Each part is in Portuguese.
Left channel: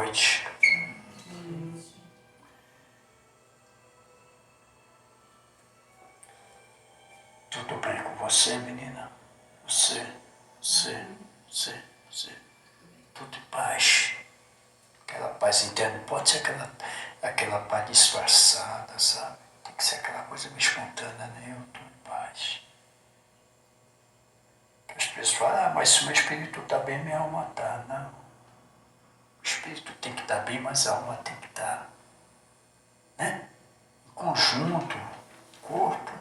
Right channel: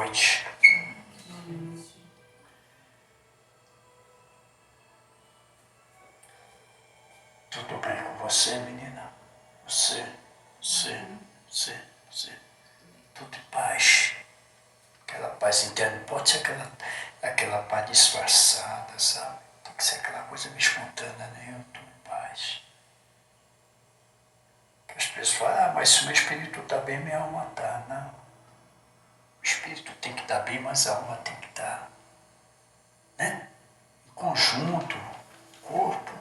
noite. Tudo bem com você, menina? Você. Tudo em paz. Aquela paz interna, não pode ser aquela paz disfarçada, sabe? Tem que ser aquela coisa meio espontânea, né? Eu estou em paz. As pessoas falam, mas se o meu espírito está bem, minha alma está. Não. O espírito tem que estar bem, mas a alma tem que estar. Né? Em conjunto, corpo,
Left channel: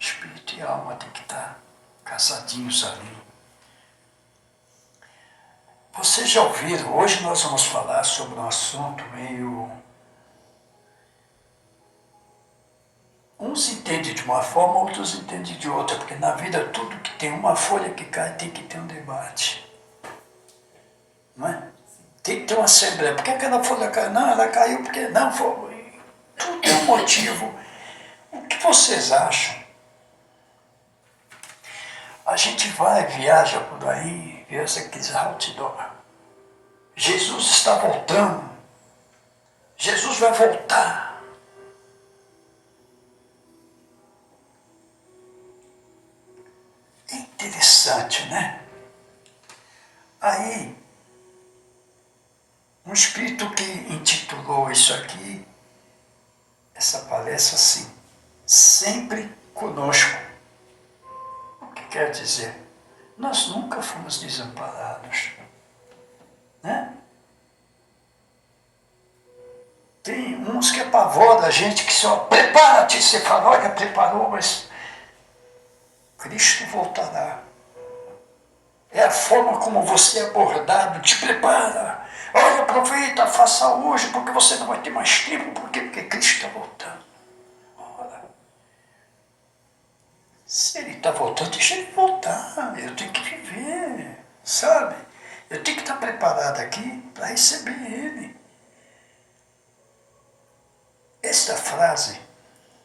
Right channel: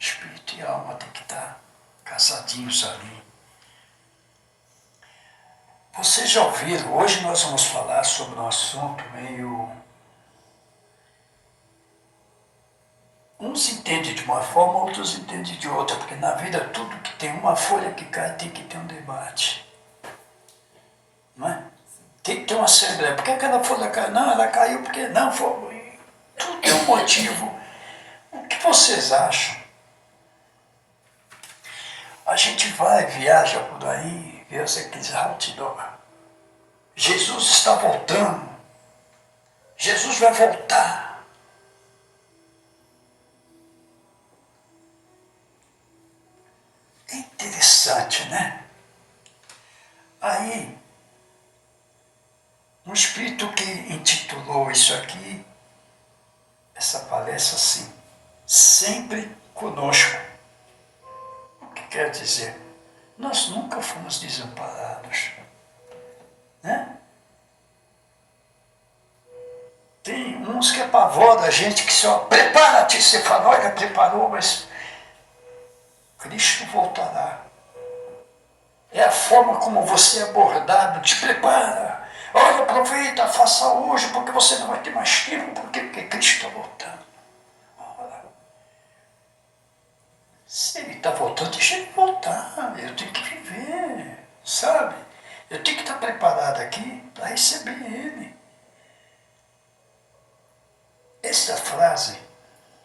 espírito e alma tem que estar casadinhos ali. Vocês já ouviram, hoje nós vamos falar sobre um assunto meio... Uns entendem de uma forma, outros entendem de outra, porque na vida tudo que tem uma folha que cai tem que ter um debate. Não é? Tem que ter uma assembleia. Por que aquela folha caiu? Não, ela caiu porque não foi. Tudo tem um motivo. O que vocês acham? A gente vai, viaja por aí, vê aqueles outdoor. Jesus está voltando. Jesus vai voltar. É interessante, né? Aí, um espírito que intitulou isso aqui, essa palestra assim, sempre conosco. O que quer dizer? Nós nunca fomos desamparados. Né? Tem uns que apavoram a gente que só prepara-te, você fala, olha, preparou, mas Cristo voltará. É a forma como você é abordado, te prepara. Olha, aproveita, faça hoje, porque você não vai ter mais tempo, porque Cristo está voltando. Ora, se Ele está voltando, deixa Ele voltar. Eu tenho que viver, sabe? Eu tenho que estar preparado aqui para receber Ele. Essa frase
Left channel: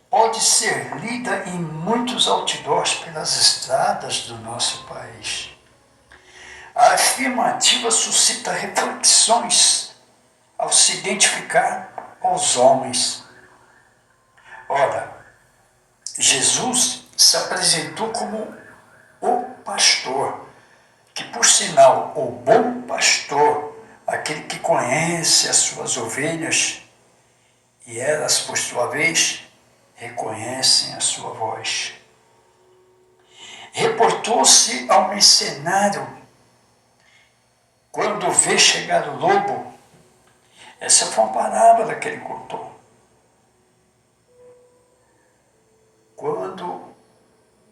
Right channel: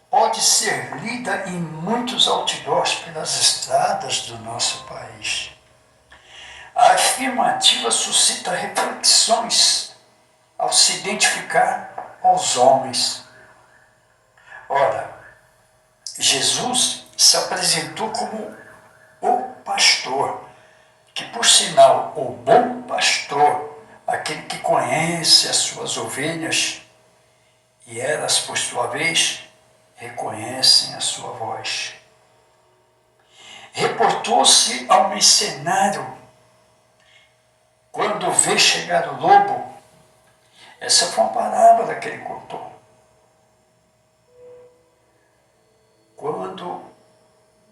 pode ser lida em muitos outdoors pelas estradas do nosso país. A afirmativa suscita reflexões ao se identificar aos homens. Ora, Jesus se apresentou como o pastor, que por sinal, o bom pastor, aquele que conhece as suas ovelhas, e elas, por sua vez, reconhecem a sua voz. Reportou-se ao mercenário quando vê chegar o lobo. Essa foi uma parábola que ele contou. Quando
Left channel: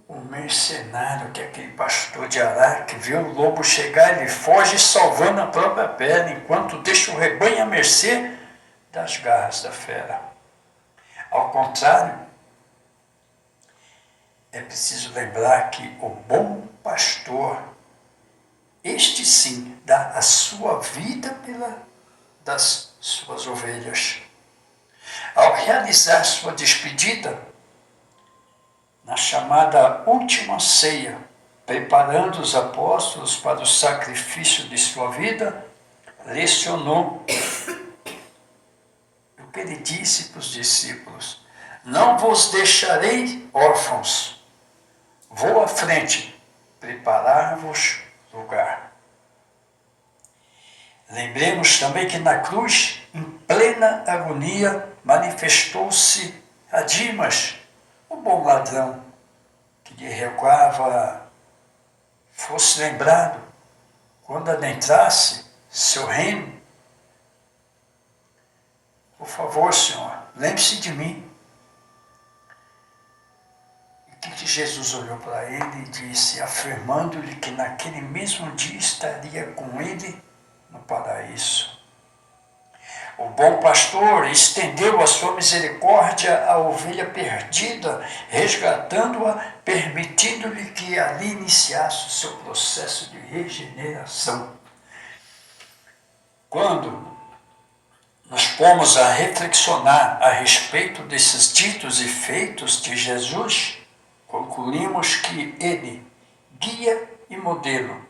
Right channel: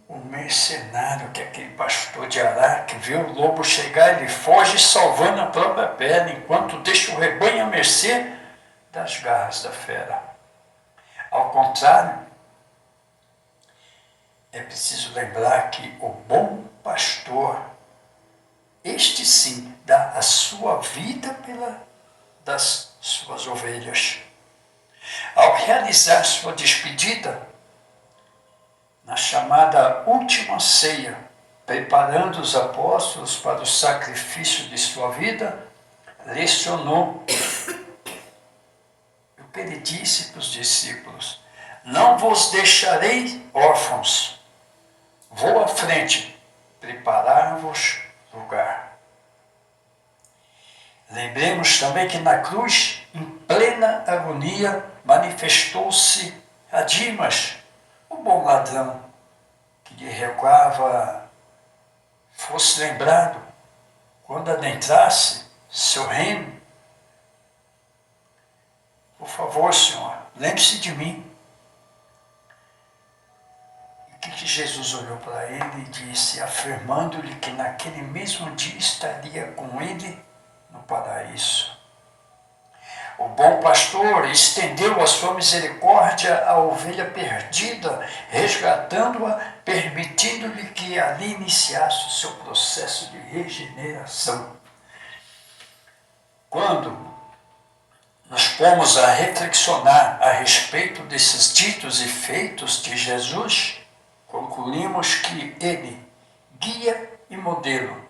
o mercenário, que é aquele pastor de Araque, vê o lobo chegar, ele foge salvando a própria pele, enquanto deixa o rebanho à mercê das garras da fera. Ao contrário, é preciso lembrar que o bom pastor, este sim, dá a sua vida das suas ovelhas. Ao realizar sua despedida, na chamada última ceia, preparando os apóstolos para o sacrifício de sua vida, lecionou o que ele disse para os discípulos: não vos deixarei órfãos, vou à frente, preparar-vos lugar. Lembremos também que na cruz, em plena agonia, manifestou-se a Dimas, o bom ladrão, que lhe rogava fosse lembrado quando adentrasse seu reino. Por favor, Senhor, lembre-se de mim. E que Jesus olhou para ele e disse, afirmando-lhe que naquele mesmo dia estaria com ele no paraíso. O bom pastor estendeu a sua misericórdia à ovelha perdida, resgatando-a, permitindo-lhe que ali iniciasse o seu processo de regeneração. Quando nós pomos a reflexionar a respeito desses ditos e feitos de Jesus, concluímos que ele, guia e modelo,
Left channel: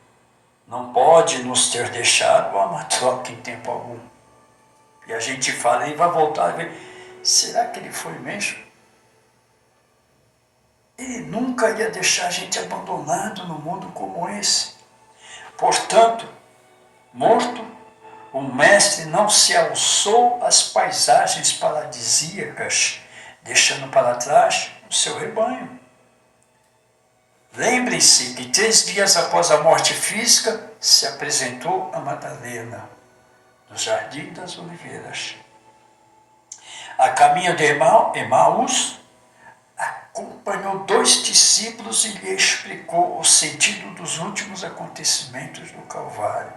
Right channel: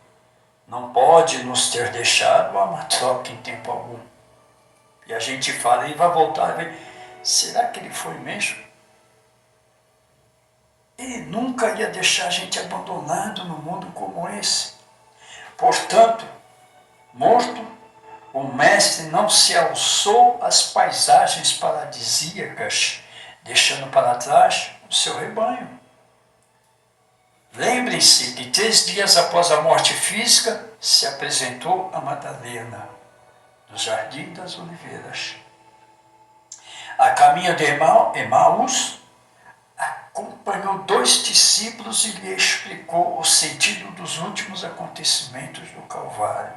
não pode nos ter deixado uma troca em tempo algum. E a gente fala, ele vai voltar, será que ele foi mesmo? Ele nunca ia deixar a gente abandonado num mundo como esse. Portanto, morto, o mestre não se alçou às paisagens paradisíacas, deixando para trás o seu rebanho. Lembrem-se que 3 dias após a morte física, se apresentou a Madalena, no Jardim das Oliveiras. A caminho de Emaús, acompanhou 2 discípulos e lhe explicou o sentido dos últimos acontecimentos do Calvário.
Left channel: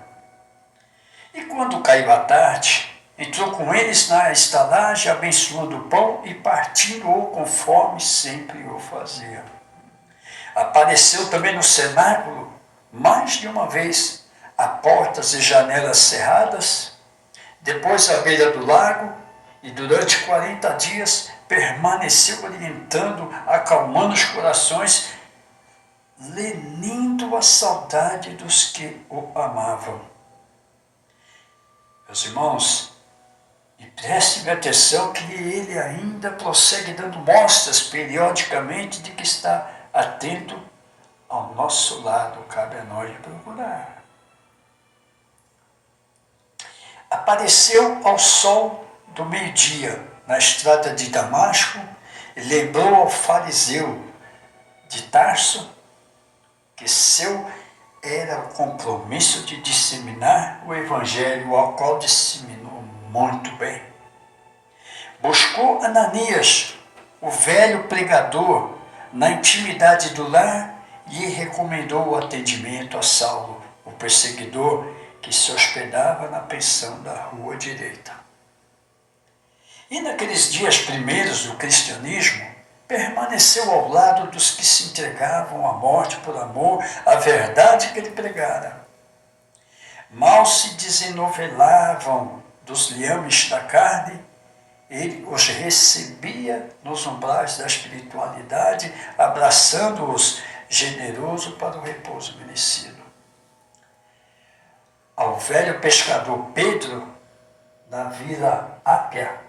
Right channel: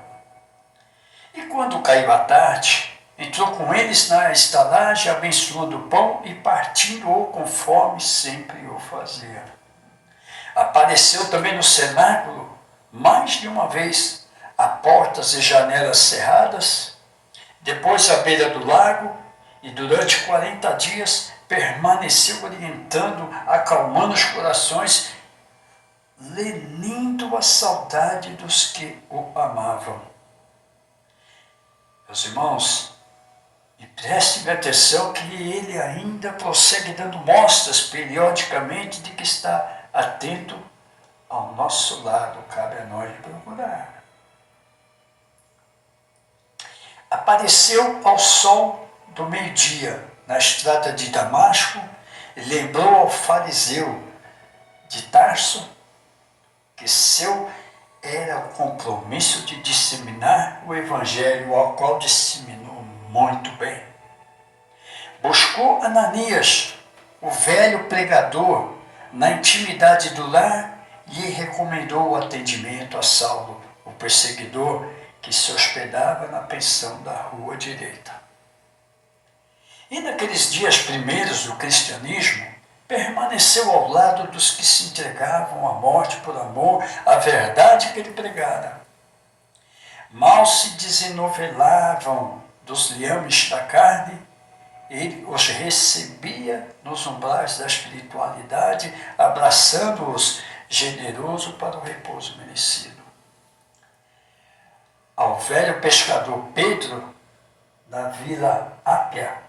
E quando caiu a tarde, entrou com eles na estalagem, abençoando o pão e partindo-o conforme sempre o fazia. Apareceu também no cenáculo, mais de uma vez, a portas e janelas cerradas, depois à beira do lago, e durante 40 dias permaneceu orientando, acalmando os corações, lenindo a saudade dos que o amavam. Meus irmãos, e prestem atenção que ele ainda prossegue dando mostras periodicamente de que está atento ao nosso lado, cabe a nós procurar. Apareceu ao sol do meio-dia na estrada de Damasco e lembrou ao fariseu de Tarso que seu era o compromisso de disseminar o evangelho, ao qual disseminou muito bem. Buscou Ananias, o velho pregador, na intimidade do lar, e recomendou o atendimento a Saulo, o perseguidor que se hospedava na pensão da rua direita. E naqueles dias primeiros do cristianismo, permaneceu ao lado dos que se entregavam à morte por amor à verdade que ele pregara. Mal se desenovelavam dos liames da carne, ele os recebia nos umbrais da espiritualidade, abraçando-os generoso para o repouso merecido. Ao velho pescador Pedro, da Vila Ápia,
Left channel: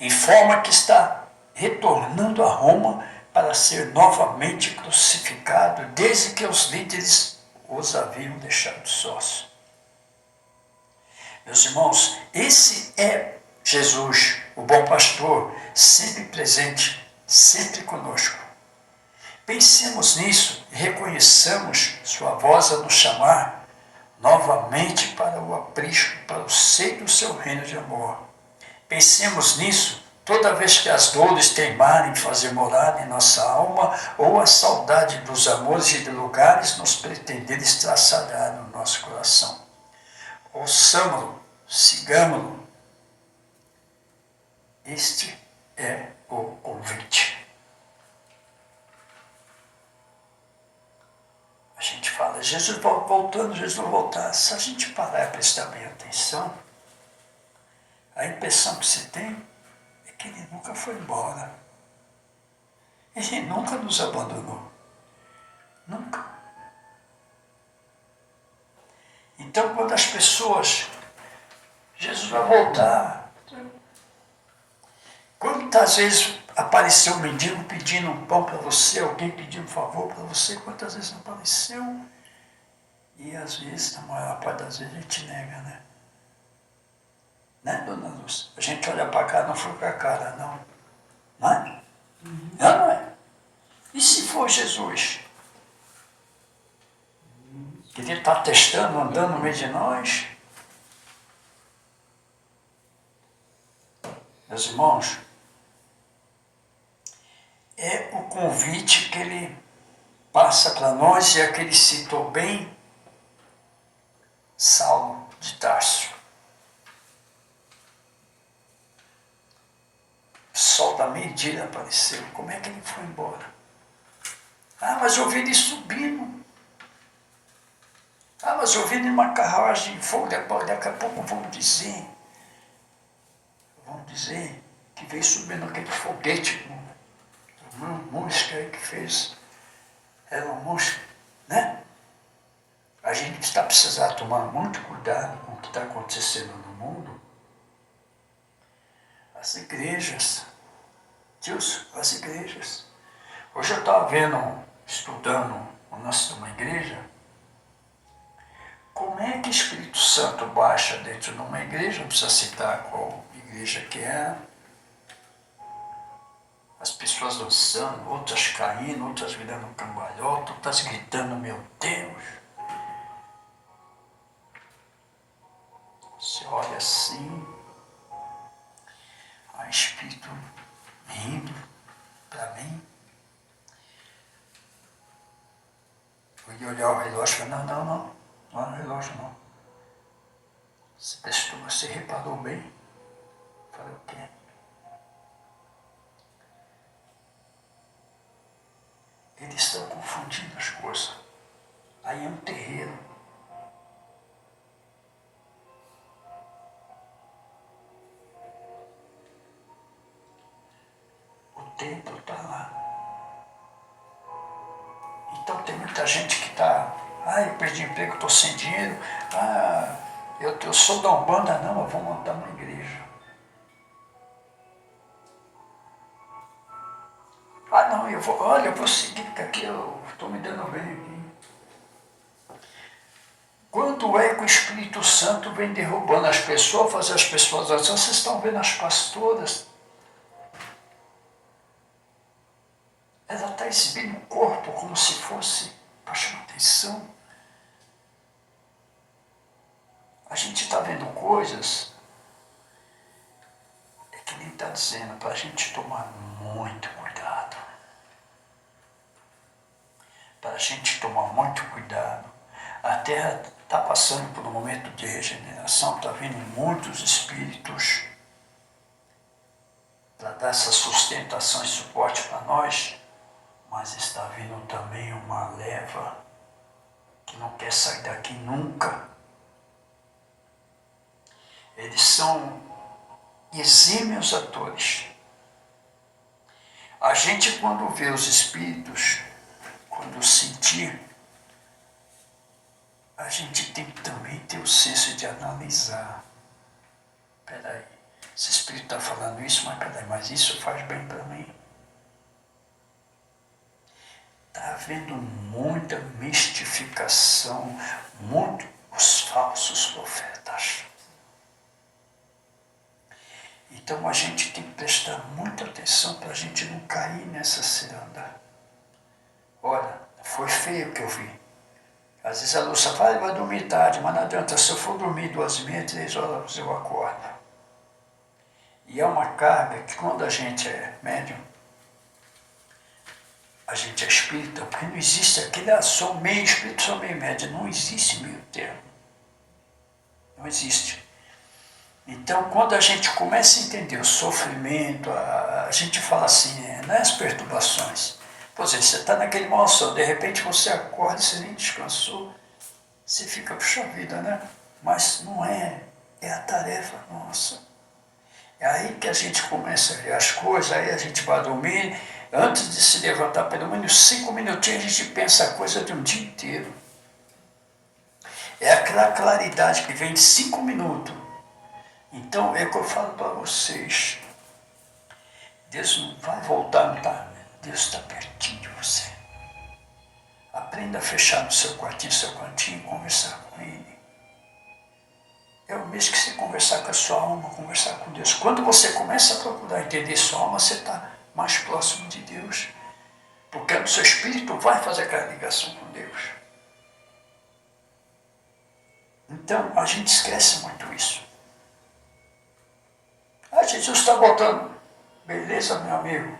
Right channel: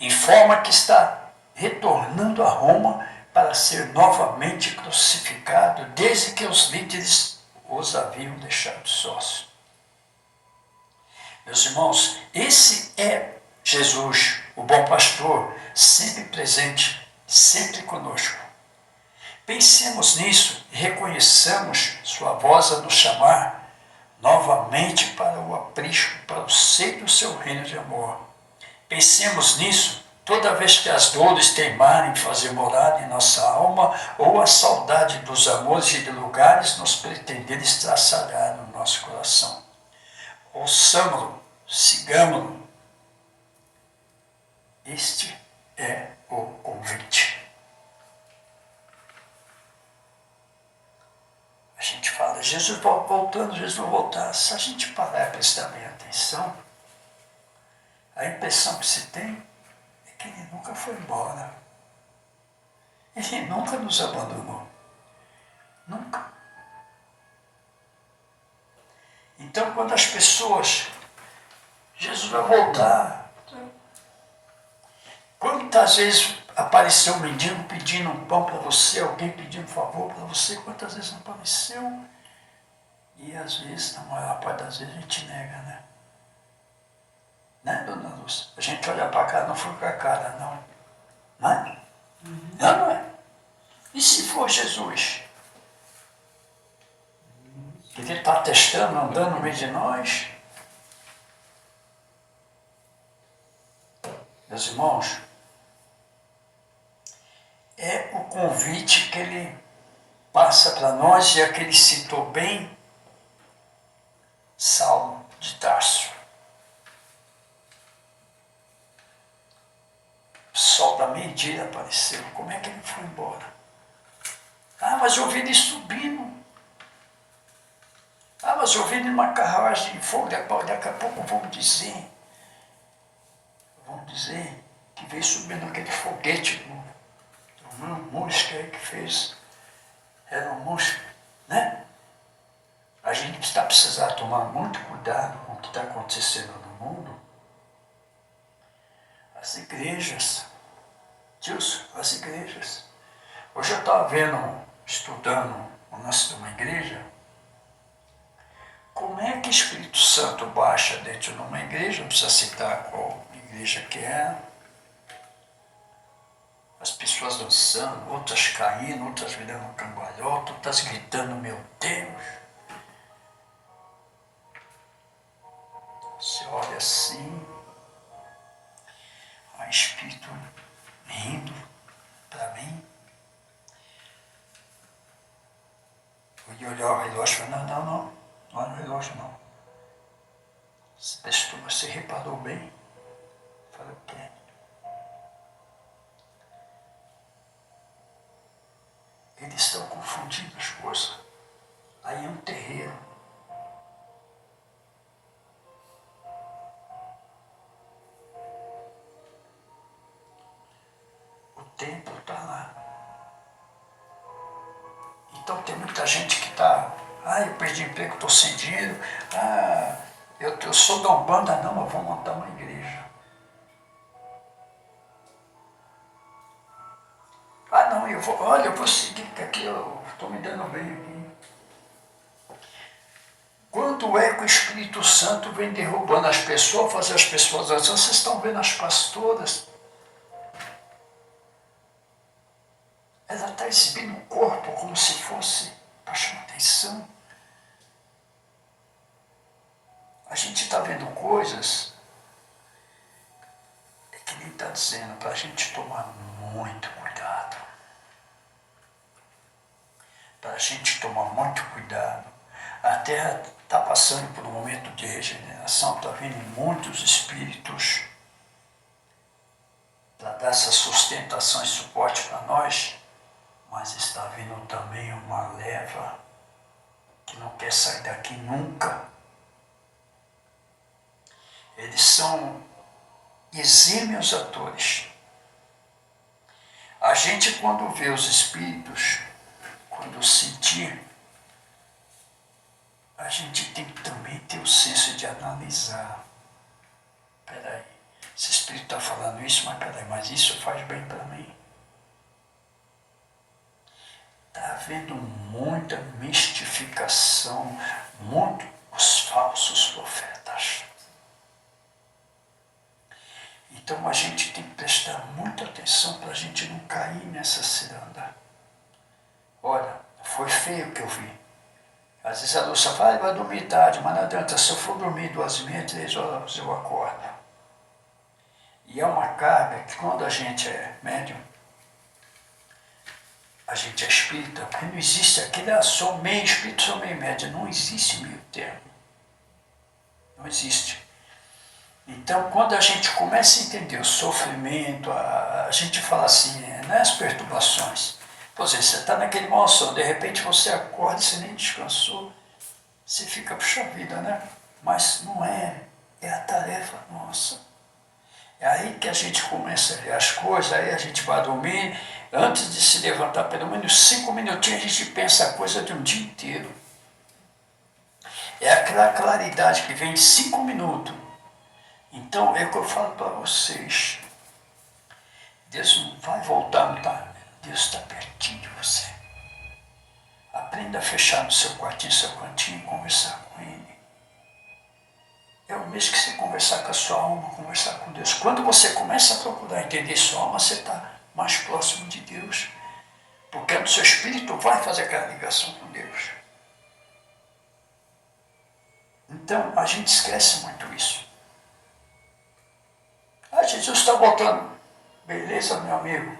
informa que está retornando a Roma para ser novamente crucificado, desde que os líderes os haviam deixado sós. Meus irmãos, esse é Jesus, o bom pastor, sempre presente, sempre conosco. Pensemos nisso e reconheçamos sua voz a nos chamar novamente para o aprisco, para o seio do seu reino de amor. Pensemos nisso toda vez que as dores teimarem fazer morada em nossa alma ou a saudade dos amores e de lugares nos pretenderem estraçalhar no nosso coração. Ouçamo-lo, sigamo-lo. Este é o convite. A gente fala, Jesus voltando, Jesus vai voltar. Se a gente parar e prestar bem atenção, a impressão que se tem é que ele nunca foi embora. Ele nunca nos abandonou. Nunca. Então, quando as pessoas, Jesus vai voltar. Quantas vezes apareceu um mendigo pedindo um pão para você, alguém pedindo um favor para você, quantas vezes apareceu? E às vezes, na maior parte das vezes, a gente nega, né? Né, dona Lúcia? A gente olha para cá, não foi com a cara, não. Não é? Não é? E se for Jesus? Que ele está testando, andando no meio de nós? Meus irmãos, é o convite que ele passa para nós, e é que ele citou bem Saulo de Tarso. O sol da meia-dia apareceu. Como é que ele foi embora? Ah, mas eu vi ele subindo. Ah, mas eu vi ele numa carruagem de fogo. Daqui a pouco vão dizer que veio subindo aquele foguete uma música aí que fez. Era uma música, né? A gente está precisando tomar muito cuidado com o que está acontecendo no mundo. As igrejas, Deus, as igrejas. Hoje eu estava estudando o lance de uma igreja. Como é que o Espírito Santo baixa dentro de uma igreja? Não precisa citar qual igreja que era. As pessoas dançando, outras caindo, outras virando cambalhota, outras gritando, meu Deus. Você olha assim, o Espírito rindo para mim. Fui olhar o relógio e falei, não é o relógio não. Você reparou bem? Falei, o quê? Eles estão confundindo as coisas. Aí é um terreiro. O templo está lá. Então tem muita gente que está, eu perdi emprego, estou sem dinheiro, eu sou da Umbanda, não, eu vou montar uma igreja. Não, eu vou seguir, porque aqui eu estou me dando bem aqui. Quando é que o Espírito Santo vem derrubando as pessoas, fazer as pessoas dançar? Vocês estão vendo as pastoras? Ela está exibindo o corpo como se fosse para chamar atenção. A gente está vendo coisas, é que nem está dizendo, para a gente tomar muito cuidado. Para a gente tomar muito cuidado. A Terra está passando por um momento de regeneração, está vindo muitos espíritos para dar essa sustentação e suporte para nós, mas está vindo também uma leva que não quer sair daqui nunca. Eles são exímios atores. A gente, quando vê os espíritos, quando sentir, a gente tem que também ter o senso de analisar. Peraí, esse espírito está falando isso, mas isso faz bem para mim. Está havendo muita mistificação, muitos falsos profetas. Então a gente tem que prestar muita atenção para a gente não cair nessa ciranda. Olha, foi feio o que eu vi. Às vezes a Lúcia fala, vai dormir tarde, mas não adianta, se eu for dormir 2h30, 3h eu acordo. E é uma carga que quando a gente é médium, a gente é espírita, porque não existe aquele, sou meio espírito, sou meio médium, não existe meio termo. Não existe. Então, quando a gente começa a entender o sofrimento, a gente fala assim, não é as perturbações. Por exemplo, você está naquele mau sono, de repente você acorda e você nem descansou, você fica, puxa vida, né? Mas não é a tarefa nossa. É aí que a gente começa a ver as coisas, aí a gente vai dormir, antes de se levantar, pelo menos 5 minutinhos, a gente pensa a coisa de um dia inteiro. É aquela claridade que vem de 5 minutos. Então, é o que eu falo para vocês. Deus não vai voltar, não tá? Deus está pertinho de você. Aprenda a fechar no seu quartinho e conversar com Ele. É o mesmo que você conversar com a sua alma, conversar com Deus. Quando você começa a procurar entender sua alma, você está mais próximo de Deus. Porque o seu espírito vai fazer aquela ligação com Deus. Então, a gente esquece muito isso. Jesus está voltando. Beleza, meu amigo.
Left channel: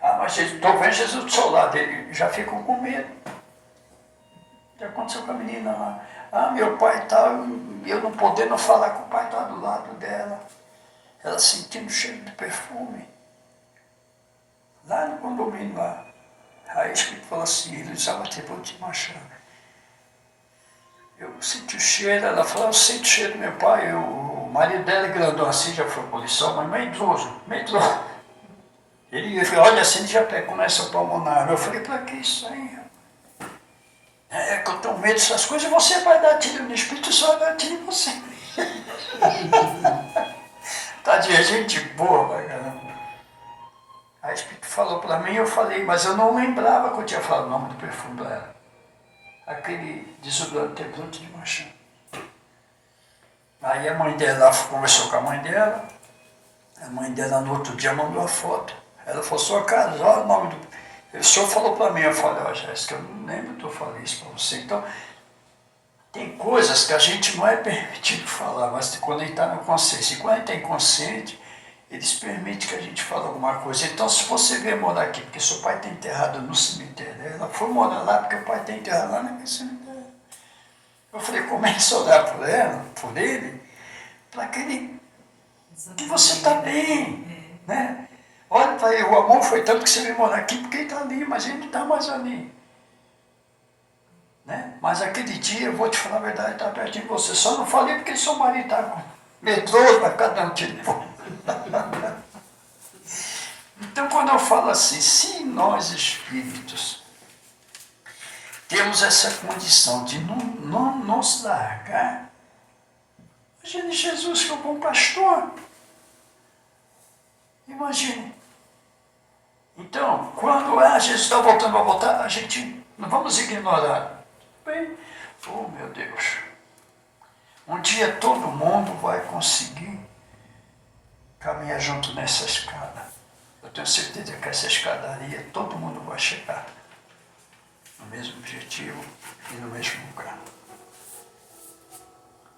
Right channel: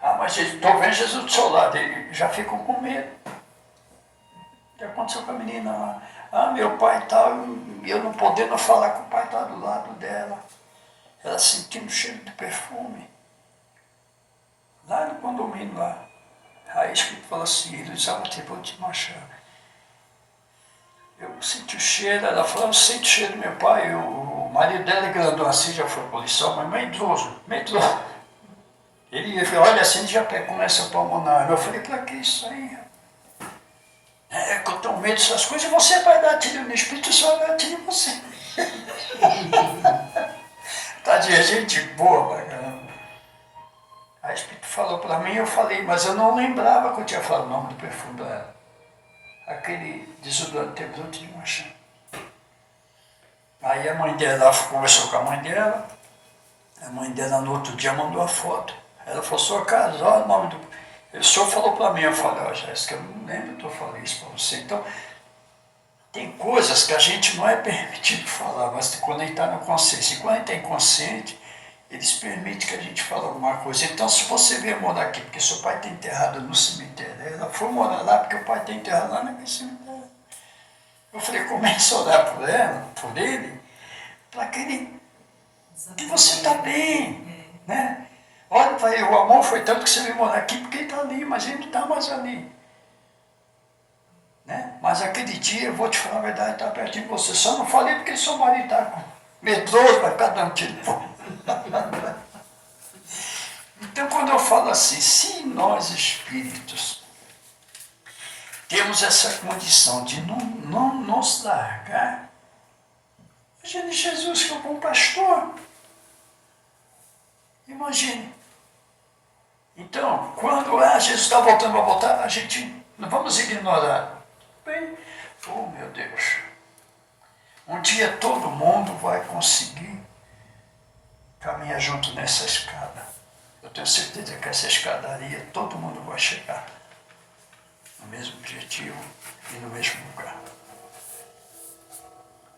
Mas estou vendo Jesus do seu lado. Eles já ficam com medo. Já aconteceu com a menina lá. Meu pai tal, eu não podendo falar com o pai está do lado dela. Ela sentindo o cheiro de perfume. Lá no condomínio lá. Aí o Espírito falou assim, ele usava atributo de machado. Eu senti o cheiro, ela falou, eu sinto o cheiro do meu pai. O marido dela é grandão assim, já foi policial, mas meio idoso. Ele olha assim, já começa a pulmonar. Eu falei, para que isso aí? É que eu tenho medo dessas coisas, você vai dar tiro no Espírito, só vai dar tiro em você. Tá de gente boa pra caramba. Aí o Espírito falou pra mim, eu falei, mas eu não lembrava que eu tinha falado o nome do perfume pra ela. Aquele desodorante Template de Manchã. Aí a mãe dela conversou com a mãe dela no outro dia mandou a foto. Ela falou, sua casa, olha o nome do... O senhor falou para mim, eu falei, ó, Jéssica, eu não lembro que eu falei isso para você. Então, tem coisas que a gente não é permitido falar, mas tem que conectar na consciência. E quando a gente está inconsciente, eles permitem que a gente fale alguma coisa. Então, se você vier morar aqui, porque seu pai está enterrado no cemitério, ela foi morar lá porque o pai está enterrado lá naquele cemitério. Eu falei, começa a orar por ela, por ele, para que você está bem, né? Olha para ele, o amor foi tanto que você veio morar aqui porque ele está ali, mas ele não está mais ali. Né? Mas aquele dia, eu vou te falar a verdade, está pertinho de você. Só não falei porque seu marido está com medroso, vai ficar dando tiro. Então, quando eu falo assim, se nós espíritos temos essa condição de não nos largar, imagine Jesus que é o bom pastor. Imagine. Então, quando Jesus está voltando a voltar, a gente não vamos ignorar. Bem, oh meu Deus, um dia todo mundo vai conseguir caminhar junto nessa escada. Eu tenho certeza que essa escadaria todo mundo vai chegar no mesmo objetivo e no mesmo lugar.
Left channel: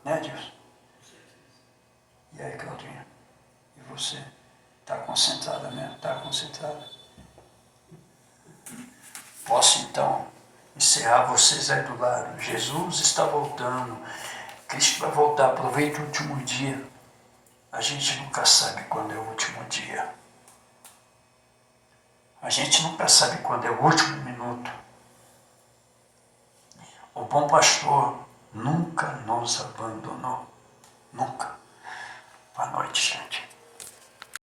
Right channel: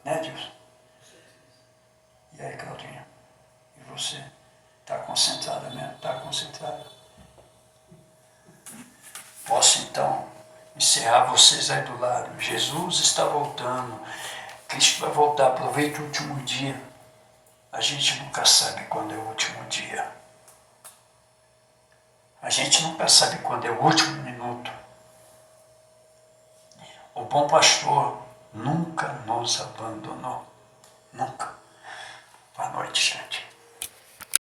Né, Deus? E aí, Claudinha? E você? Está concentrada mesmo? Está concentrada? Posso então encerrar vocês aí do lado. Jesus está voltando. Cristo vai voltar. Aproveite o último dia. A gente nunca sabe quando é o último dia. A gente nunca sabe quando é o último minuto. O bom pastor nunca nos abandonou. Nunca. Boa noite, gente.